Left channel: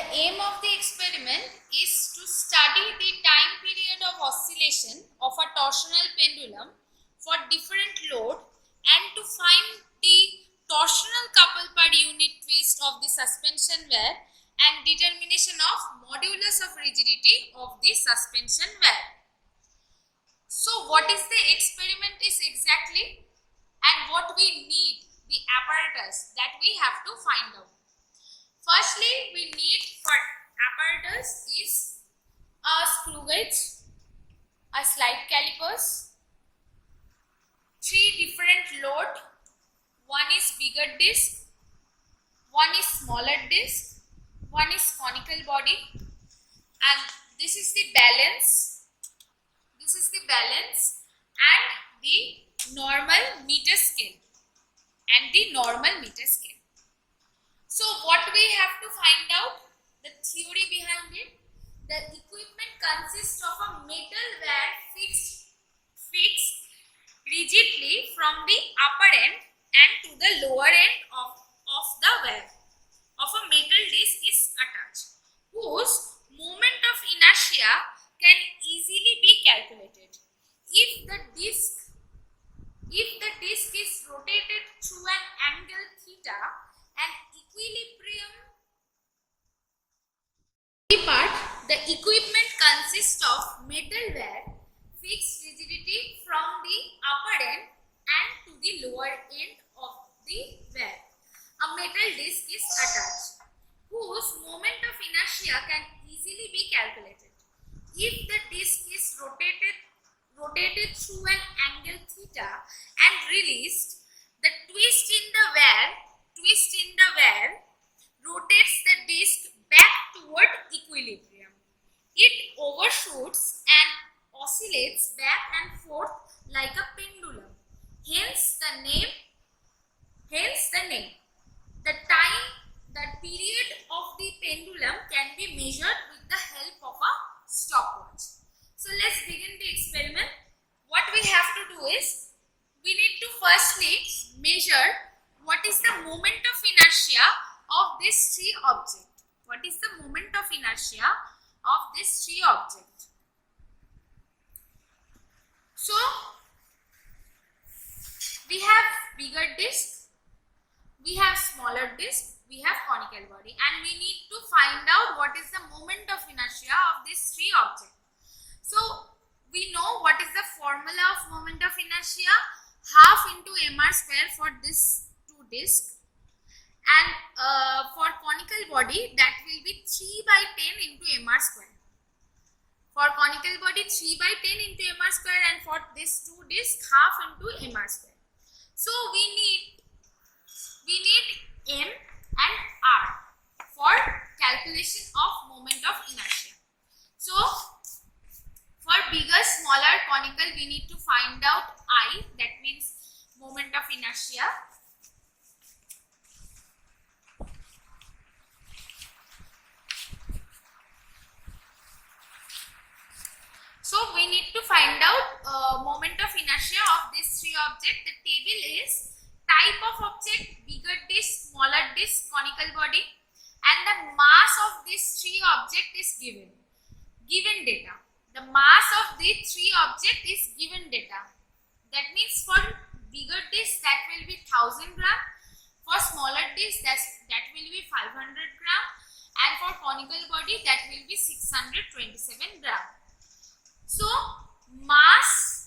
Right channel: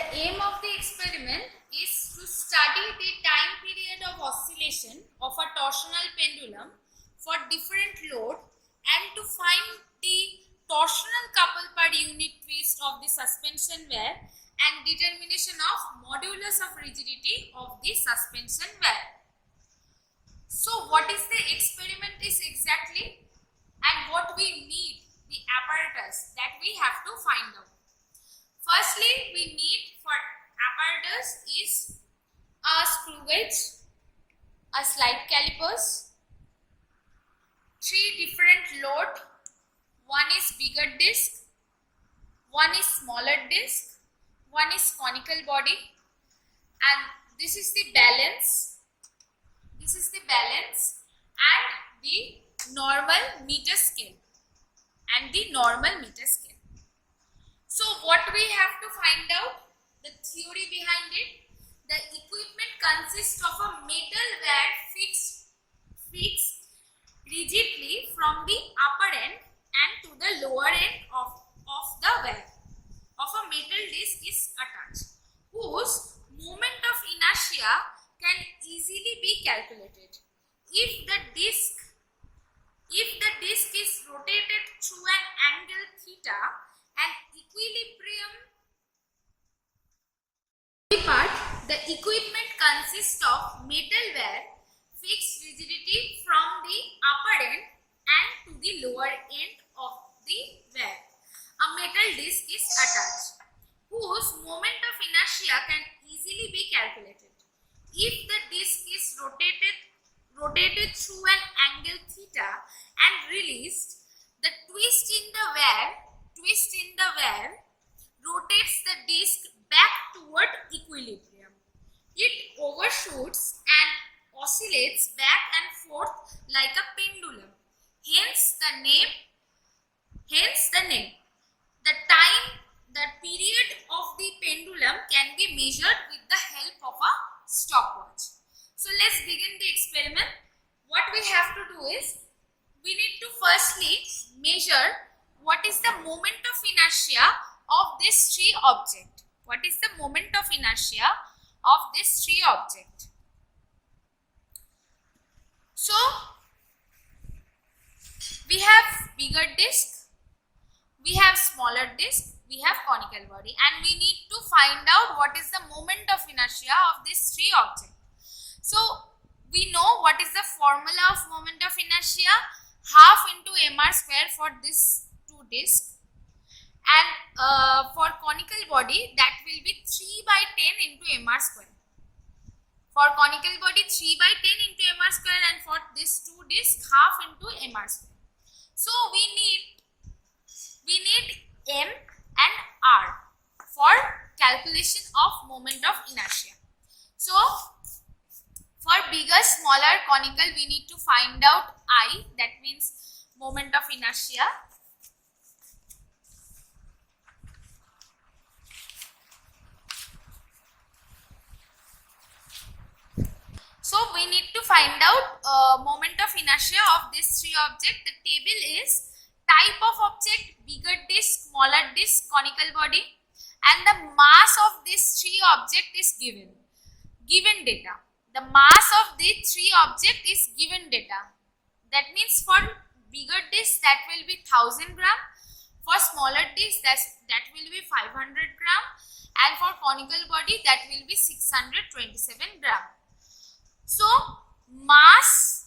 The aim of the experiment is to study the time period of oscillation of a torsional pendulum for different load and to find the torsional couple per unit twist of the suspension wear and determination of modulus of rigidity of the suspension wear. So what is the experiment is exactly, and what we need, the apparatus that we have to find out. Firstly, we need for apparatus is a screw gauge, a slide calipers, three different load. One is bigger disc, one is smaller disc, one is conical body, and this is the balance. This is the balance and the normal meter scale and the normal meter scale. So what we have to find out, the theory behind it. The equipment consists of a metal wire fixed rigidly from the upper end and to the lower end of the wire of a metal disc is attached, whose moment of inertia can easily be calculated. If the disc is rotated through an angle theta, and the equipment consists of metal wire fixed rigidity from the upper end and to the lower end of the wire. A metal disc is attached, whose moment of inertia can easily be calculated. If the disc is rotated through an angle theta and released, the twist in the wire rotates the disc back toward equilibrium. It overshoots and oscillates back and forth like a pendulum. Hence the name. The period of the pendulum can be measured with the help of a stopwatch. So let's begin the experiment. What we have to do is, we need to firstly measure what is the moment of inertia of this three object. What is the moment of inertia of this three object? So we have bigger disc, we have smaller disc, we have conical body, and we need to find out what is the moment of inertia of these three objects. So we know what is the formula of moment of inertia, half into mr square for this two disc, and for conical body that will be 3 by 10 into mr square. For conical body 3 by 10 into mr square, and for this two disc half into mr square. So we need m and r for calculation of moment of inertia. So for bigger, smaller, conical, we need to find out I, that means moment of inertia. So we need to find out moment of inertia of these three objects. The table is type of object, bigger disc, smaller disc, conical body, and the mass of these three objects is given data. The mass of the three object is given data. That means for bigger disc that will be 1000 gram, for smaller disc that will be 500 gram, and for conical body that will be 627 gram. So mass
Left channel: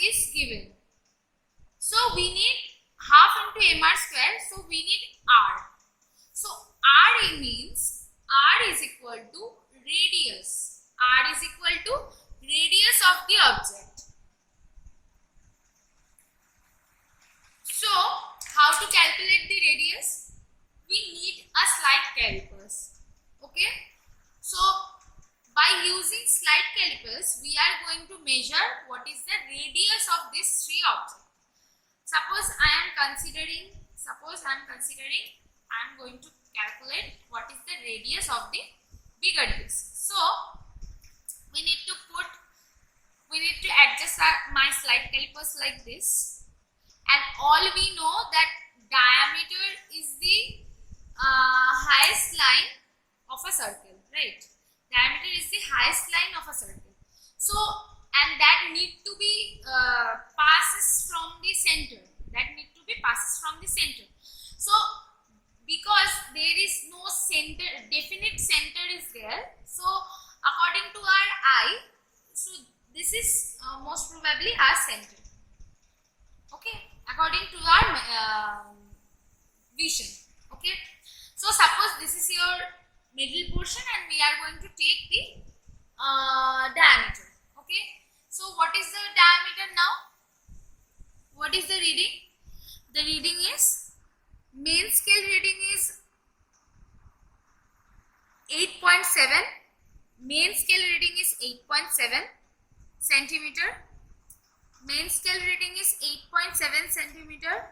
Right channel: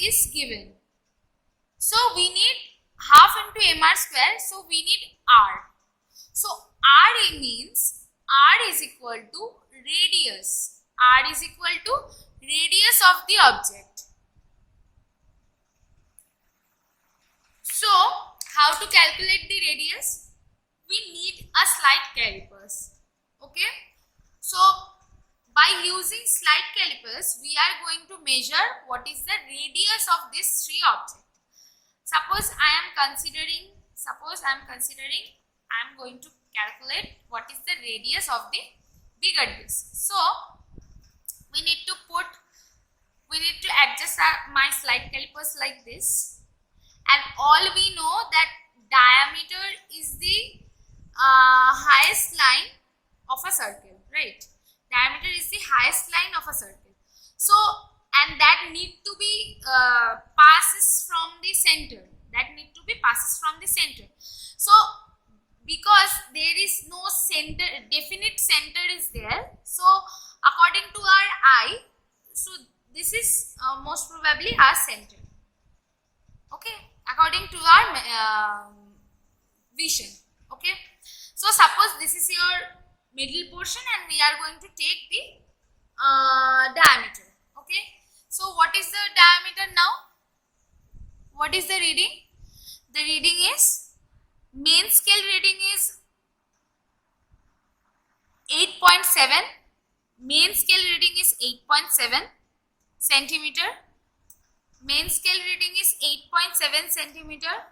is given. So we need half into mr square, so we need r. So r means r is equal to radius. R is equal to radius of the object. So how to calculate the radius? We need a slide calipers. Okay. So by using slide calipers, we are going to measure what is the radius of these three objects. Suppose I am going to calculate what is the radius of the bigger disc. So we need to adjust my slide calipers like this, and all we know that diameter is the highest line of a circle, right? Diameter is the highest line of a circle. So, and that need to be passes from the center. That need to be passes from the center. So, because there is no center, definite center is there. So, according to our eye, so this is most probably our center. Okay, according to our vision. Okay, so suppose this is your middle portion and we are going to take the diameter. Okay, so what is the diameter now? What is the reading? The reading is, main scale reading is 8.7. Main scale reading is 8.7 centimeter. Main scale reading is 8.7 centimeter.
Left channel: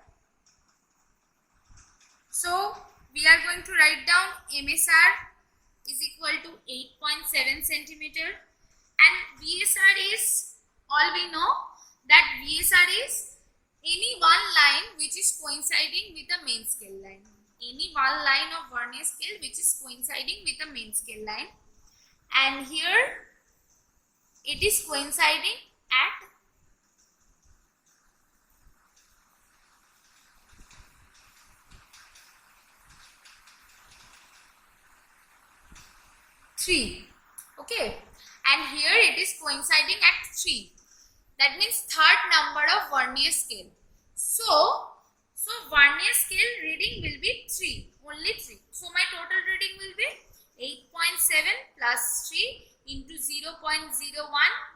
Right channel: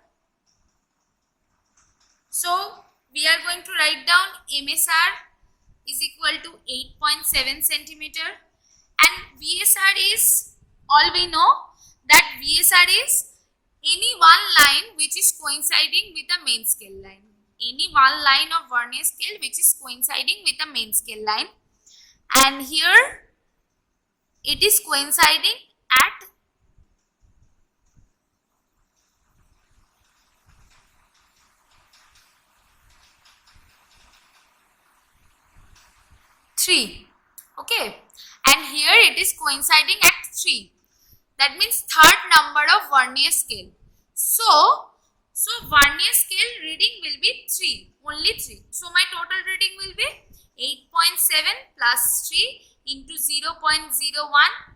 So we are going to write down MSR is equal to 8.7 centimeter, and VSR is, all we know that VSR is any one line which is coinciding with the main scale line. Any one line of vernier scale which is coinciding with the main scale line, and here it is coinciding at 3. Okay, and here it is coinciding at 3. That means third number of vernier scale. So vernier scale reading will be 3, only 3. So my total reading will be 8.7 plus 3 into 0.01,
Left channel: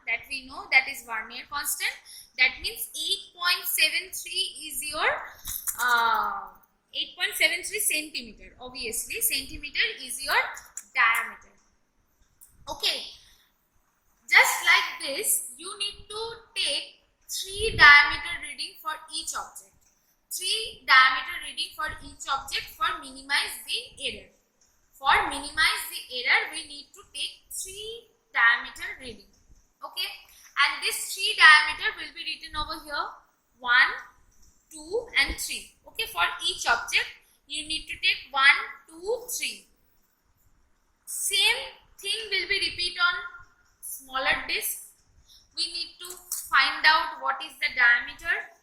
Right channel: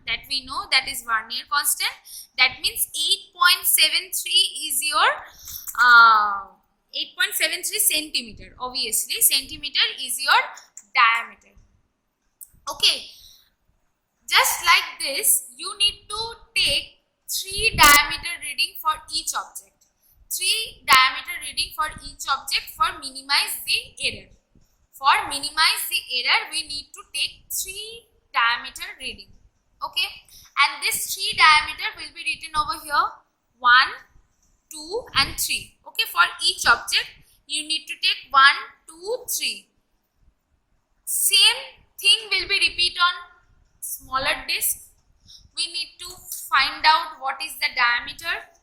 that we know, that is vernier constant. That means 8.73 is your 8.73 centimeter. Obviously centimeter is your diameter. Okay, just like this, you need to take 3 diameter reading for each object. 3 diameter reading for each object for minimize the error. For minimize the error, we need to take 3 diameter reading. Okay, and this 3 diameter will be written over here, 1, 2 and 3. Okay, for each object, you need to take 1, 2, 3. Same thing will be repeat on smaller disc. We need to find out what is the diameter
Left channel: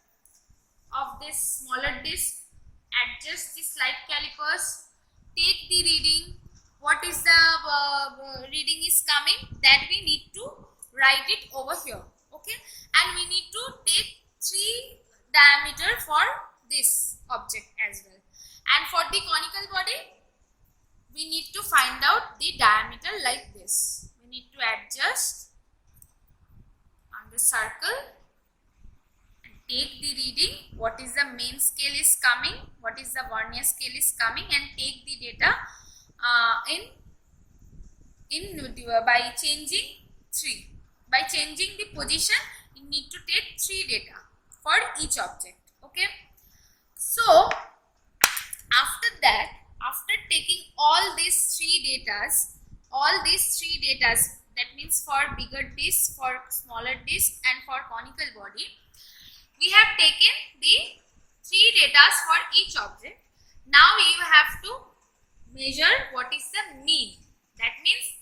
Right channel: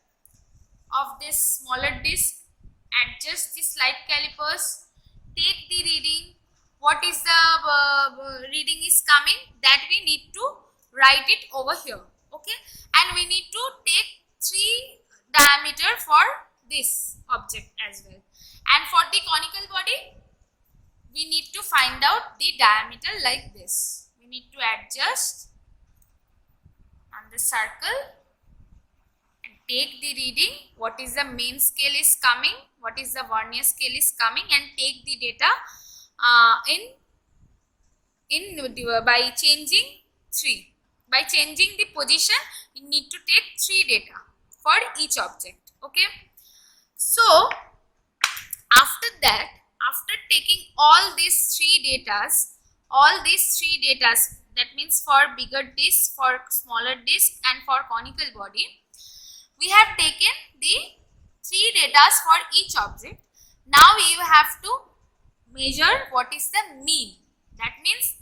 of this smaller disc, adjust the slide calipers, take the reading, what is the reading is coming, that we need to write it over here. Okay, and we need to take 3 diameter for this object as well. And for the conical body, we need to find out the diameter like this. We need to adjust on the circle and take the reading, what is the main scale is coming, what is the vernier scale is coming, and take the data by changing 3. By changing the position, you need to take 3 data for each object. Okay, so after that, after taking all these 3 datas, that means for bigger disc, for smaller disc and for conical body, we have taken the 3 datas for each object. Now you have to measure what is the mean. That means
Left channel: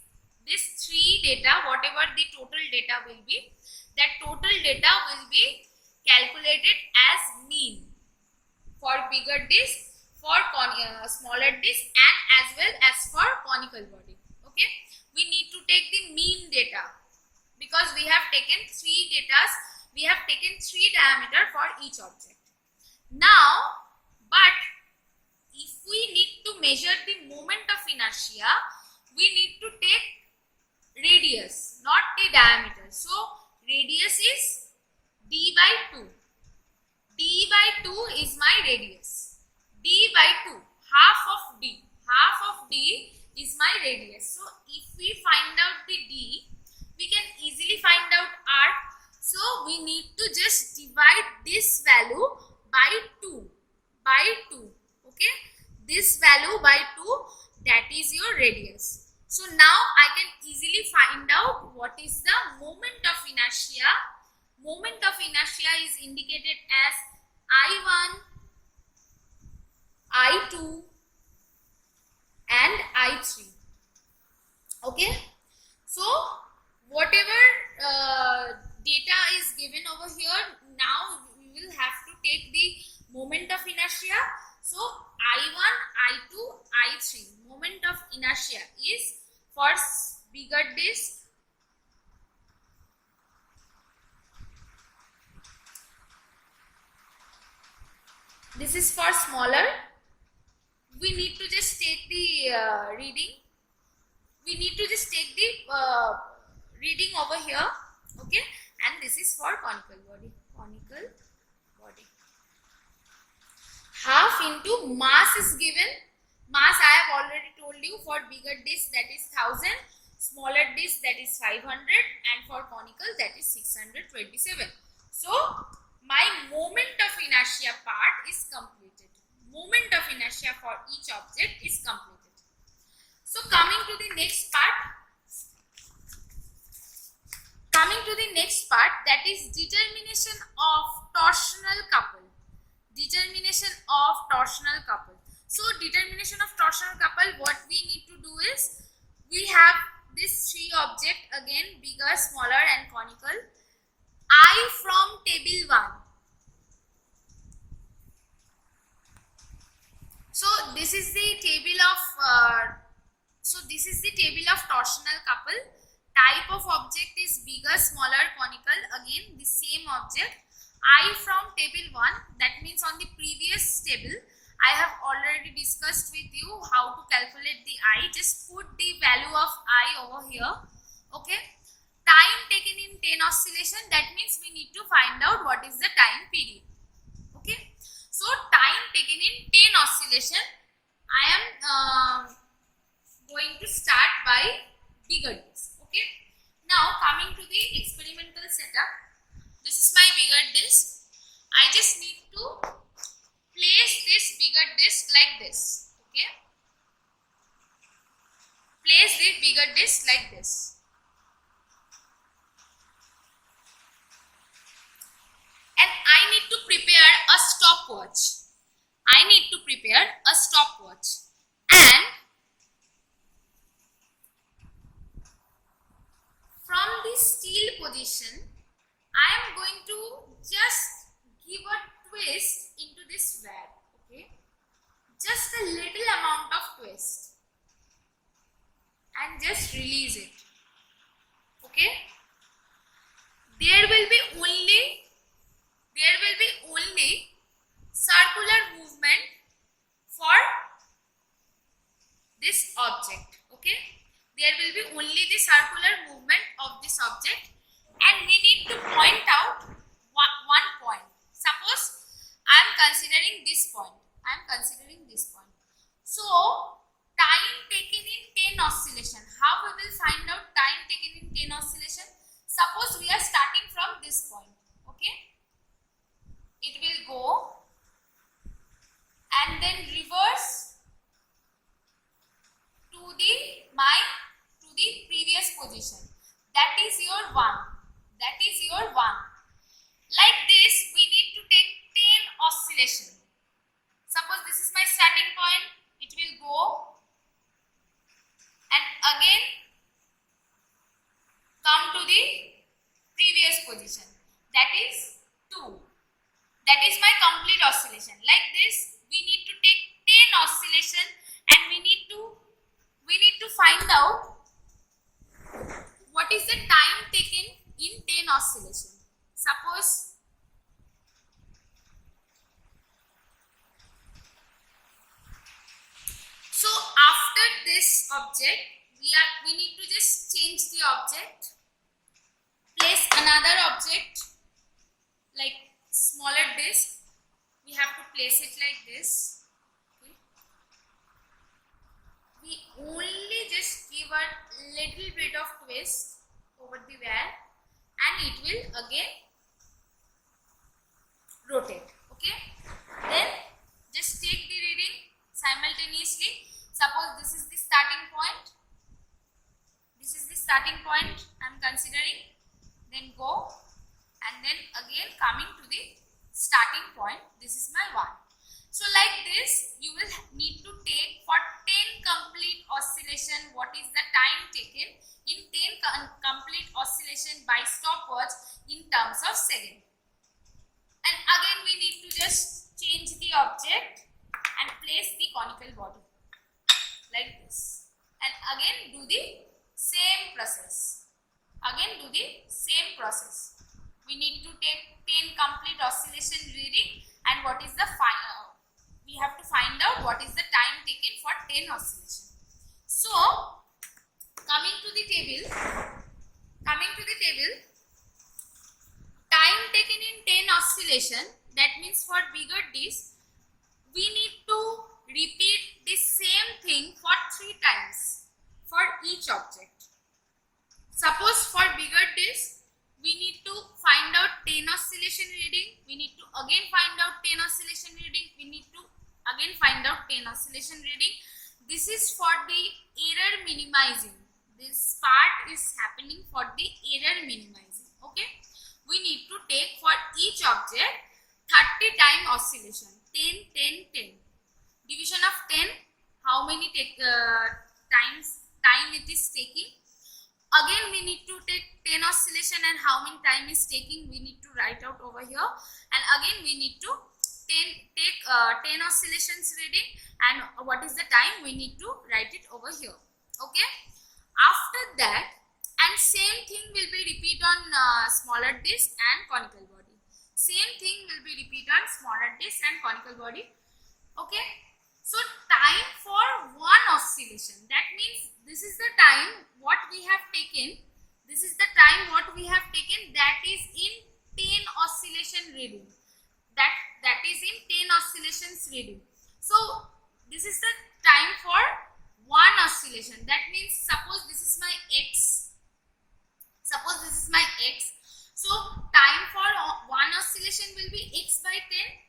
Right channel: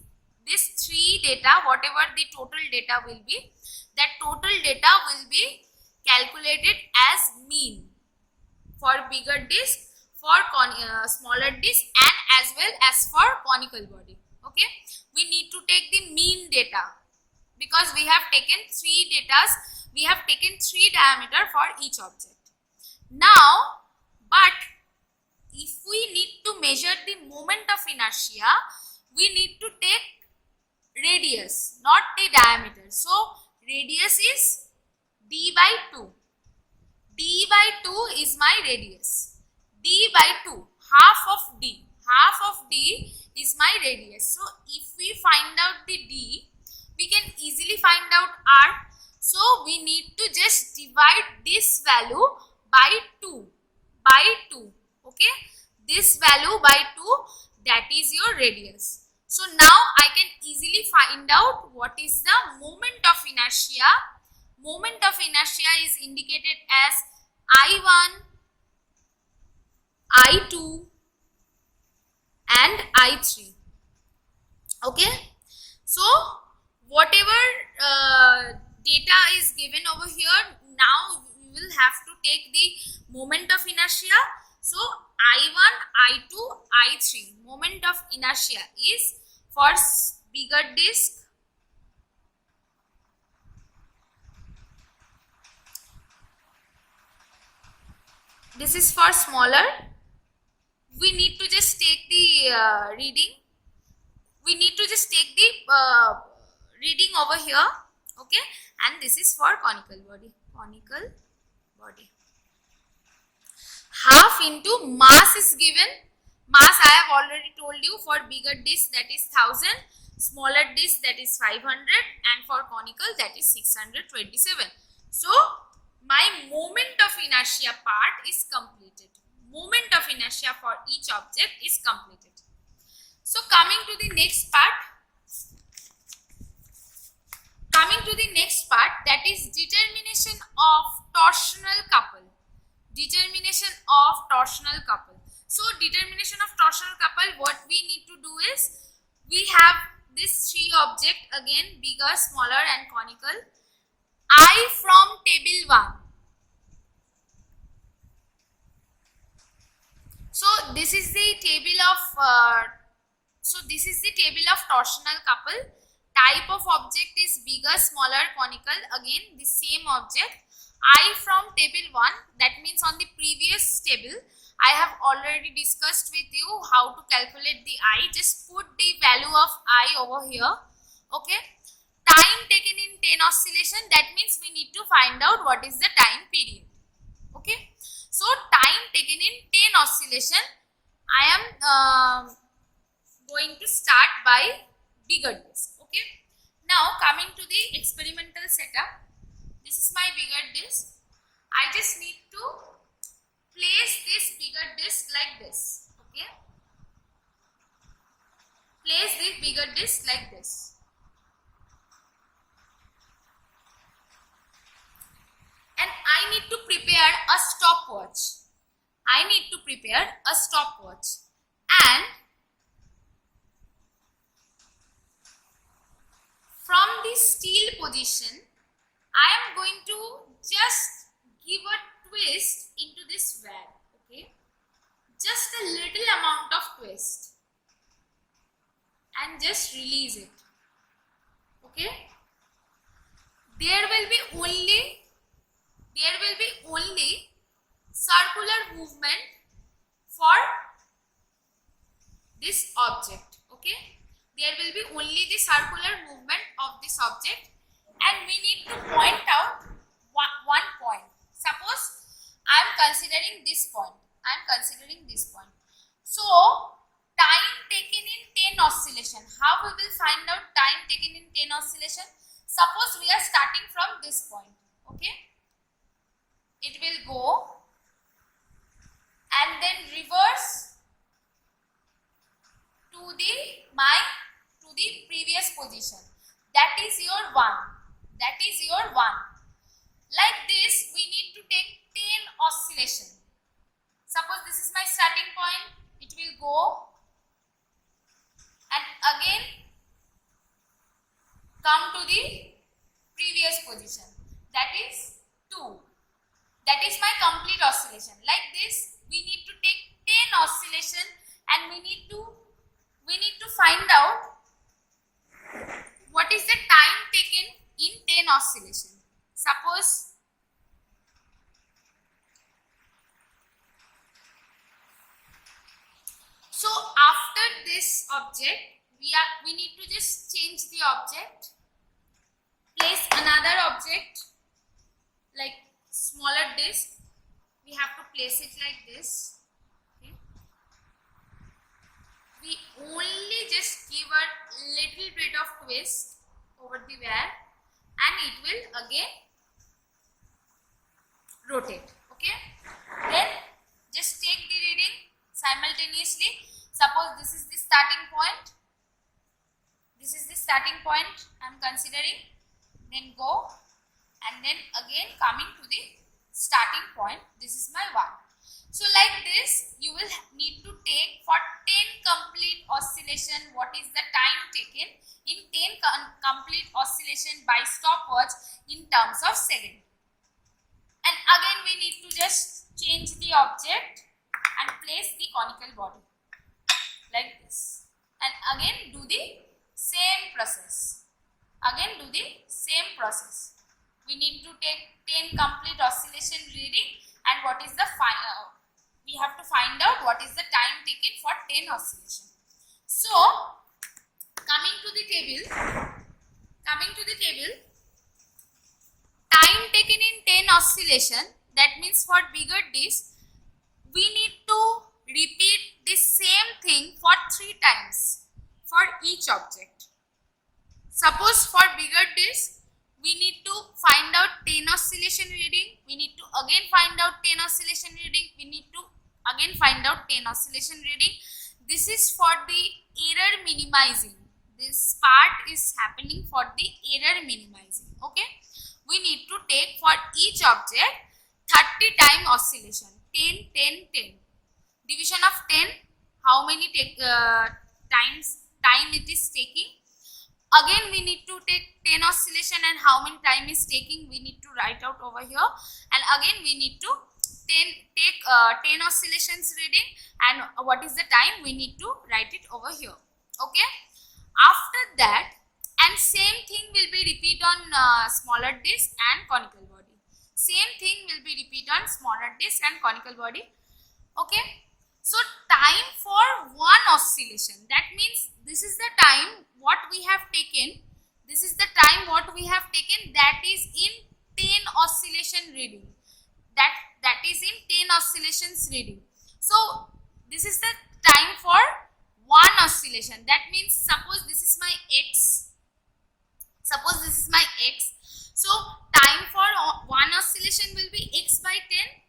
this 3 data, whatever the total data will be, that total data will be calculated as mean for bigger disc, for smaller disc, and as well as for conical body. Okay, we need to take the mean data because we have taken 3 datas, we have taken 3 diameter for each object. Now, but if we need to measure the moment of inertia, we need to take radius, not the diameter. So radius is d by 2. D by 2 is my radius. D by 2, half of D. Half of D is my radius. So if we find out the D, we can easily find out R. So we need to just divide this value by 2. By 2. Okay. This value by 2, that is your radius. So now I can easily find out what is the moment of inertia. Moment of inertia is indicated as I1, I2 and I3. Okay, so whatever data is given over here, now we will have to take the moment of inertia. So I1, I2, I3 moment of inertia is for bigger disk, this is for smaller. We need to just take the reading. We need to just take the reading over here. Okay, and this is for conical body. Conical body. Half into mass is given. Mass I have already told you, for bigger disk that is 1000, smaller disk that is 500, and for conical that is 627. So my moment of inertia part is completed. Moment of inertia for each object is completed. So coming to the next part. That is determination of torsional couple. Determination of torsional couple. So determination of torsional couple, what we need to do is, we have this three object again, bigger, smaller and conical. I from table 1. So this is the table of torsional couple. Type of object is bigger, smaller, conical. Again the same object. I from table 1, that means on the previous table I have already discussed with you how to calculate the I. Just put the value of I over here. Okay. Time taken in 10 oscillation, that means we need to find out what is the time period. Okay. So time taken in 10 oscillation, I am going to start by bigger disk. Okay. Now coming to the experimental setup. This is my bigger disk. I just need to place this bigger disk like this. Okay. Place this bigger disk like this. And I need to prepare a stopwatch. And from the steel position, I am going to just give a twist into this valve. Okay, just a little amount of twist, and just release it. Okay, there will be only circular movement for this object. Okay, there will be only the circular movement of this object, and we need to point out one point. Suppose I am considering this point. So time taken in 10 oscillation. How we will find out time taken in 10 oscillation? Suppose we are starting from this point. Okay, it will go and then reverse to the previous position. That is your 1. Like this, we need to take 10 oscillation. Suppose this is my starting point. It will go and again come to the previous position. That is 2. That is my complete oscillation. Like this, we need to take 10 oscillation, and we need to find out what is the time taken in 10 oscillation. Suppose so after this object, we need to just change the object, place another object like smaller disk. We have to place it like this. Okay. We only just give a little bit of twist over the valve, and it will again rotate. Okay. Then just take the reading simultaneously. Suppose this is the starting point. I am considering. Then go, and then again coming to the starting point. This is my 1. So like this, you will need to take for 10 complete oscillation what is the time taken in 10 complete oscillation by stopwatch in terms of second. And again we need to just change the object and place the conical body like this, and again do the same process. We need to take 10 complete oscillation reading, and what is the we have to find out what is the time taken for 10 oscillation. So coming to the table, time taken in 10 oscillation, that means for bigger disc we need to repeat the same thing for 3 times for each object. Suppose for bigger disc we need to find out 10 oscillation reading, we need to again find out 10 oscillation reading, we need to again find out 10 oscillation reading. This is for the error minimizing. This part is happening for the error minimizing. Okay, we need to take for each object 30 time oscillation. 10 10 10, division of 10, how many time it is taking. Again we need to take 10 oscillation and how many time is taking, we need to write out over here, and again we need to take 10 oscillations reading and what is the time, we need to write it over here. Okay, after that, and same thing will be repeat on smaller disc and conical body. Okay, so time for one oscillation, that means this is the time what we have taken, that is in 10 oscillation reading, that is in 10 oscillations reading. So this is the time for one oscillation, that means suppose this is my x, so time for one oscillation will be x by 10.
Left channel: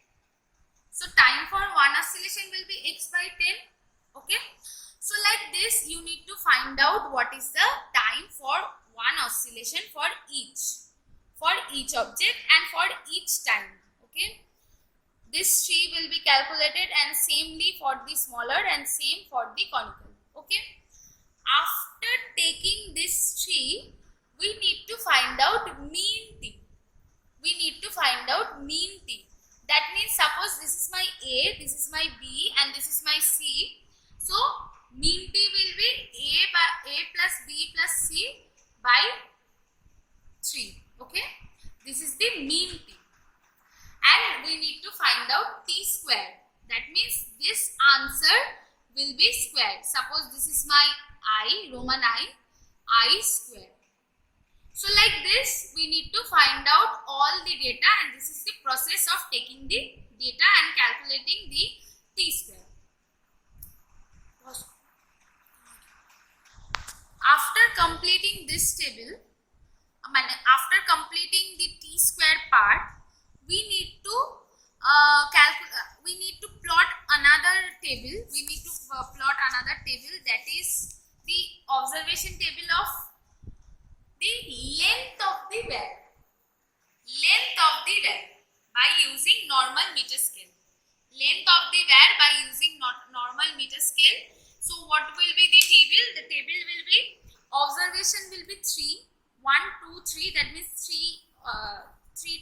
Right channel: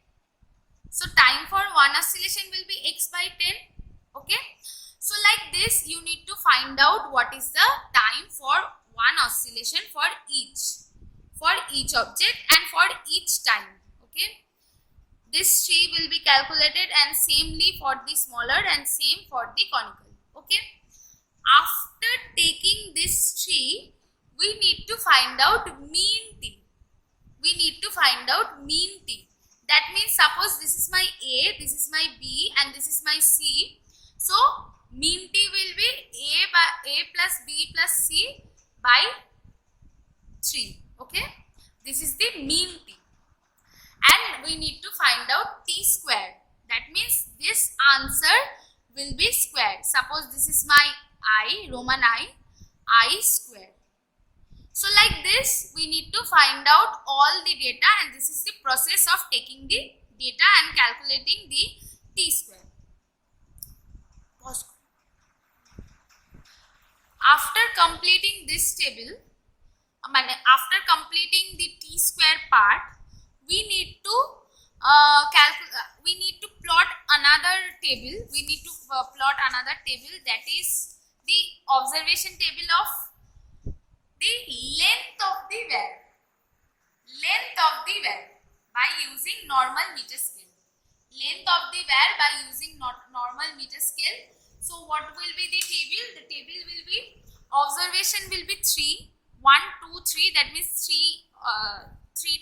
So time for one oscillation will be x by 10. Okay, so like this you need to find out what is the time for one oscillation for each object and for each time. Okay, this tree will be calculated, and samely for the smaller and same for the conical. Okay, after taking this tree we need to find out mean t. That means suppose this is my A, this is my B and this is my C. So mean t will be A plus B plus C by 3. Okay, this is the mean t, and we need to find out t square. That means this answer will be square. Suppose this is my I, Roman I square. So like this we need to find out all the data, and this is the process of taking the data and calculating the t square. After completing this table, after completing the t square part, we need to plot another table. That is the observation table of the length of the wire by using normal meter scale. So what will be the table? The table will be, observation will be 3, 1, 2, 3. That means 3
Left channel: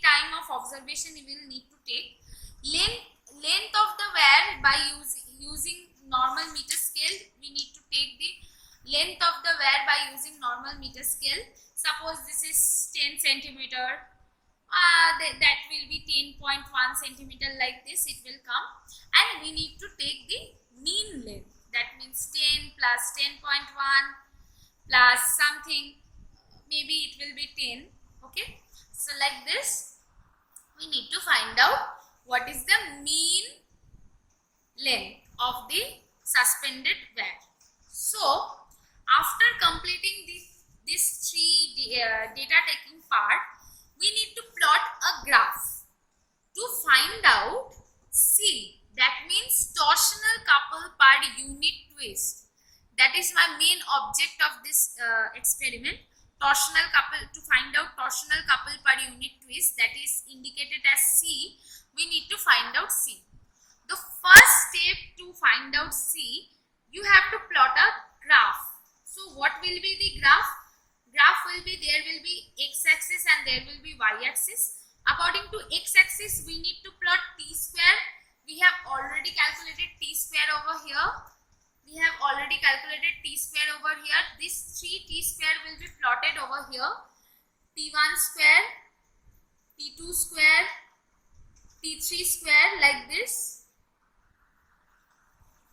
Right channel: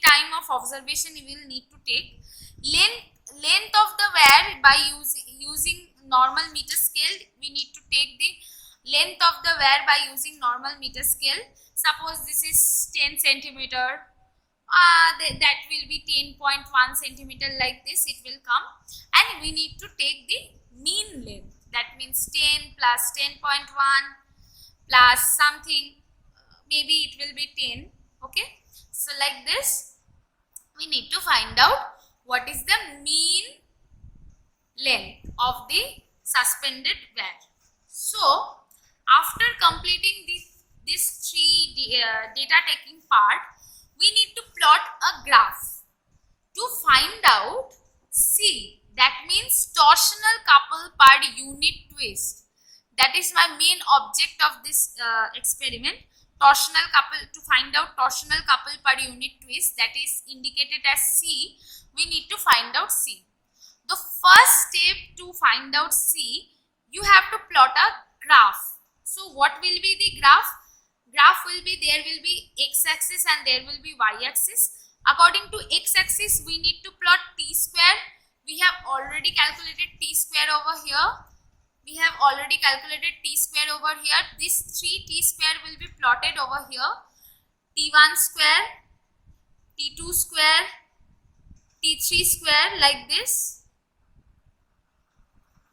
time of observation you will need to take. Length of the wire by using normal meter scale. We need to take the length of the wire by using normal meter scale. Suppose this is 10 centimeter. That will be 10.1 centimeter, like this it will come, and we need to take the mean length. That means 10 plus 10.1 plus something, maybe it will be 10. Okay, so like this we need to find out what is the mean length of the suspended wire. So after completing this 3 data taking part, we need to plot a graph to find out C, that means torsional couple per unit twist. That is my main object of this experiment. Torsional couple, to find out torsional couple per unit twist, that is indicated as C. We need to find out C. The first step to find out C, you have to plot a graph. So what will be the graph? Graph will be, there will be x-axis and there will be y-axis. According to x-axis, we need to plot t square. We have already calculated t square over here. We have already calculated t square over here. This 3t square will be plotted over here. T1 square, T2 square, T3 square, like this.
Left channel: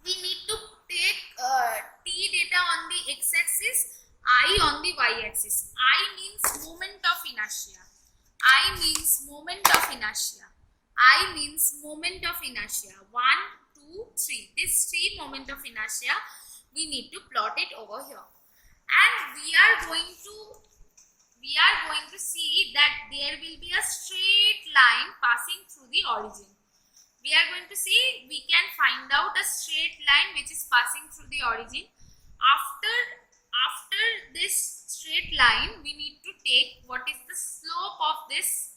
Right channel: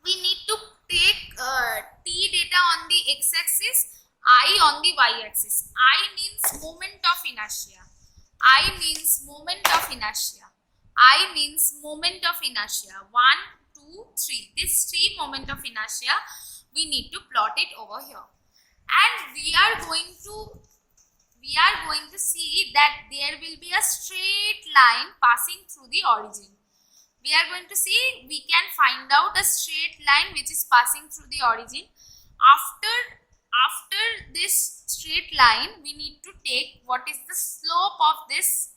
We need to take t data on the x-axis, I on the y-axis. I means moment of inertia. I means moment of inertia. I means moment of inertia. 1, 2, 3. This 3 moment of inertia, we need to plot it over here. And we are going to see that there will be a straight line passing through the origin. We are going to see, we can find out a straight line which is passing through the origin. After this straight line, we need to take what is the slope of this.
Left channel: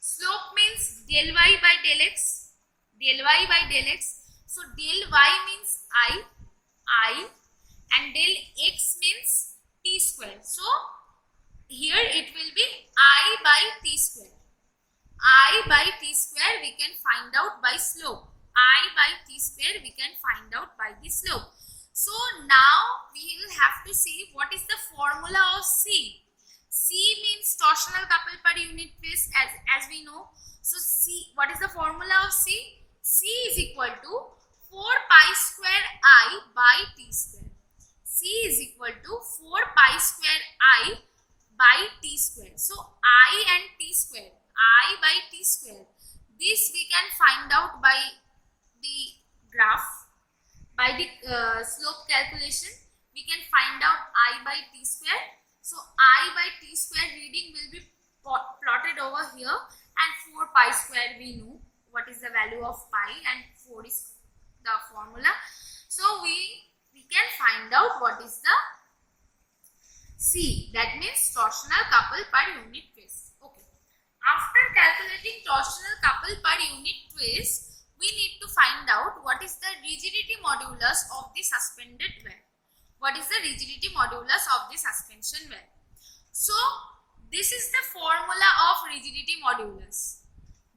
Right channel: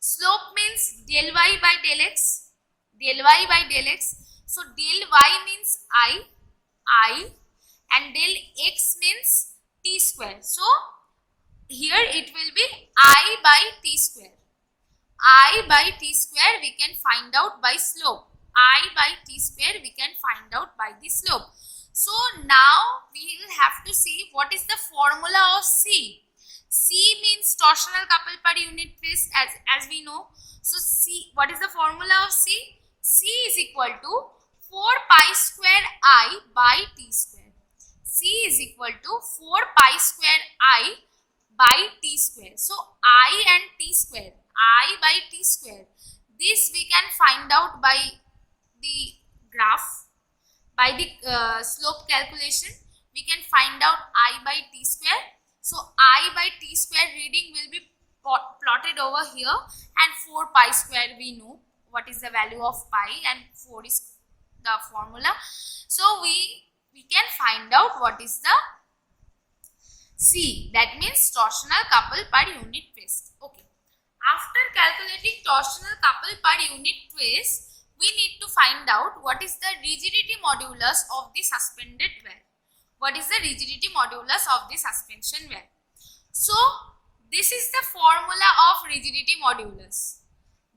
Slope means del y by del x. Del y by del x. So del y means I, and del x means t square. So here it will be I by t square. I by t square we can find out by slope. I by t square we can find out by the slope. So now we will have to see what is the formula of C. C means torsional couple per unit twist, as we know. So C, what is the formula of C? C is equal to 4 pi square I by t square. C is equal to 4 pi square I by t square. So I and t square, I by t square, this we can find out by the graph, by the slope calculation. We can find out I by t square. So I by t square reading will be plotted over here, and 4 pi square we know what is the value of pi, and 4 is the formula. So we can find out what is the C, that means torsional couple per unit twist. Okay. After calculating torsional couple per unit twist, we need to find out what is the rigidity modulus of the suspended wear. What is the rigidity modulus of the suspension wear? So this is the formula of rigidity modulus.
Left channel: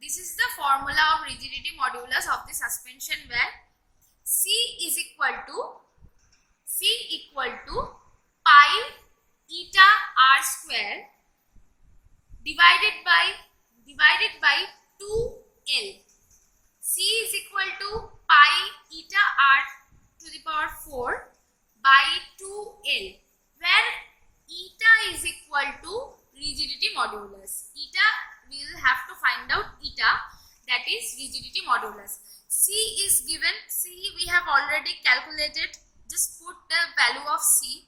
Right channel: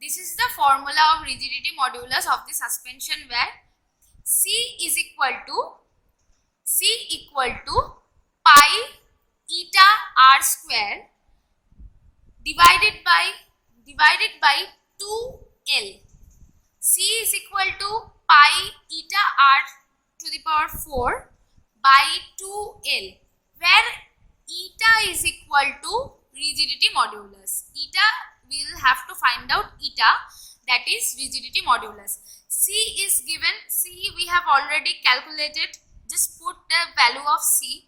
This is the formula of rigidity modulus of the suspension wear. C is equal to pi eta r square divided by 2L. C is equal to pi eta r to the power 4 by 2L, where eta is equal to rigidity modulus. Eta, we will have to find out eta, that is rigidity modulus. C is given, C we have already calculated. Just put the value of C.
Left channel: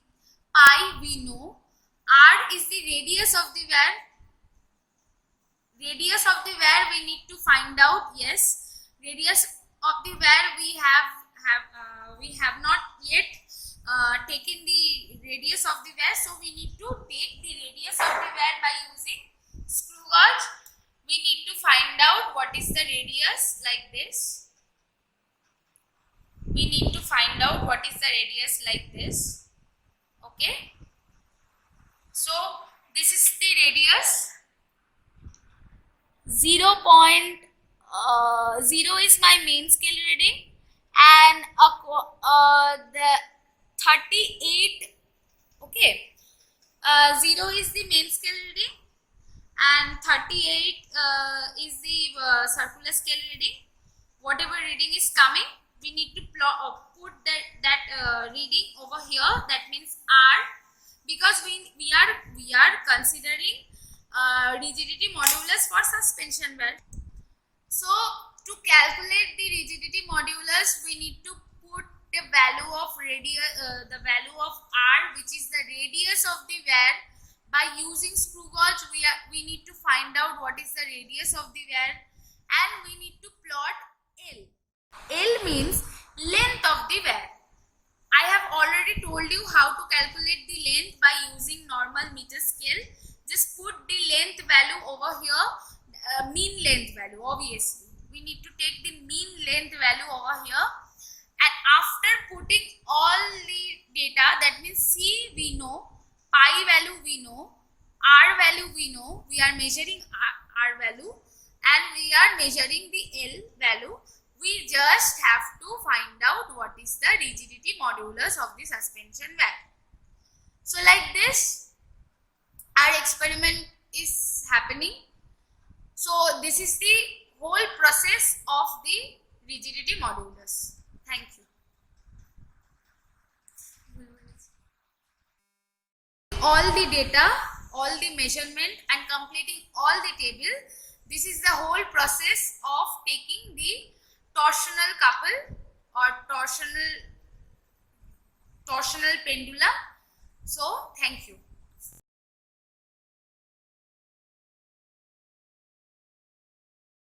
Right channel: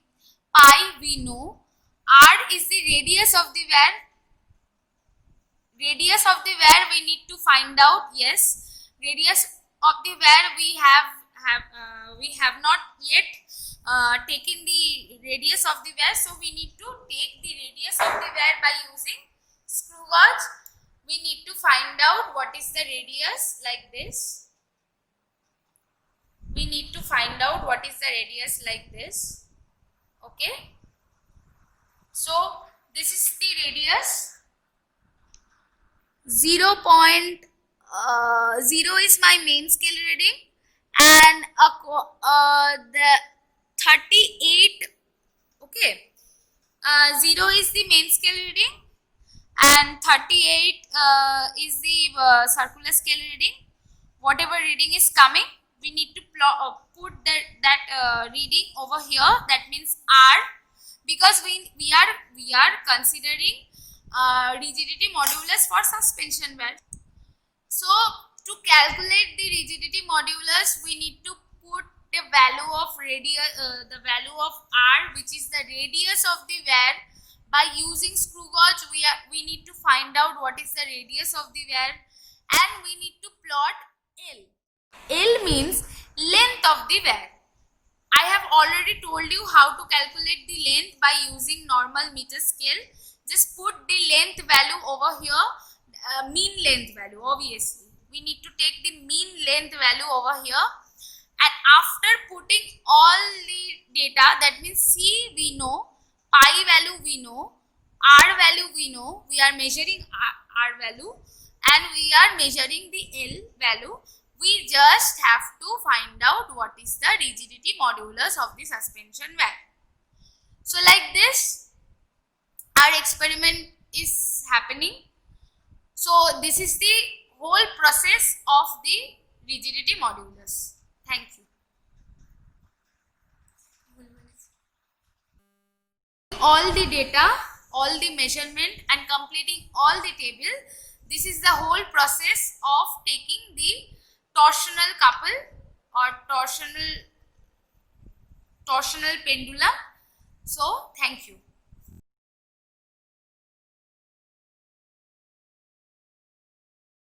Pi we know. R is the radius of the wear. Radius of the wear we need to find out. Yes, radius of the wear we have not yet taken the radius of the wear, so we need to take the radius of the wear by using screw gauge. We need to find out what is the radius, like this. We need to find out what is the radius, like this. Okay, so this is the radius. 0.0 is my main scale reading, and the 38, okay, 0 is the main scale reading and 38 is the circular scale reading. Whatever reading is coming, we need to put that reading over here, that means R, because we are considering rigidity modulus for suspension wear. So to calculate the rigidity modulus, we need to put the value of R, which is the radius of the wear. By using screw gauge, we need to find out what is the radius of the wear, and we need to plot L. L means length of the wear. I have already told you how to calculate the length by using normal meter scale. Just put the length value over here, mean length value, obviously. We need to take the mean length value over here, and after putting all the data, that means C we know, pi value we know, R value we know, we are measuring R value and we are measuring the L value. We just have to find out what is the rigidity modulus of the suspension valve. So like this our experiment is happening. So this is the whole process of the rigidity modulus. Thank you. All the data, all the measurement and completing all the table. This is the whole process of taking the torsional couple or torsional pendulum. So thank you.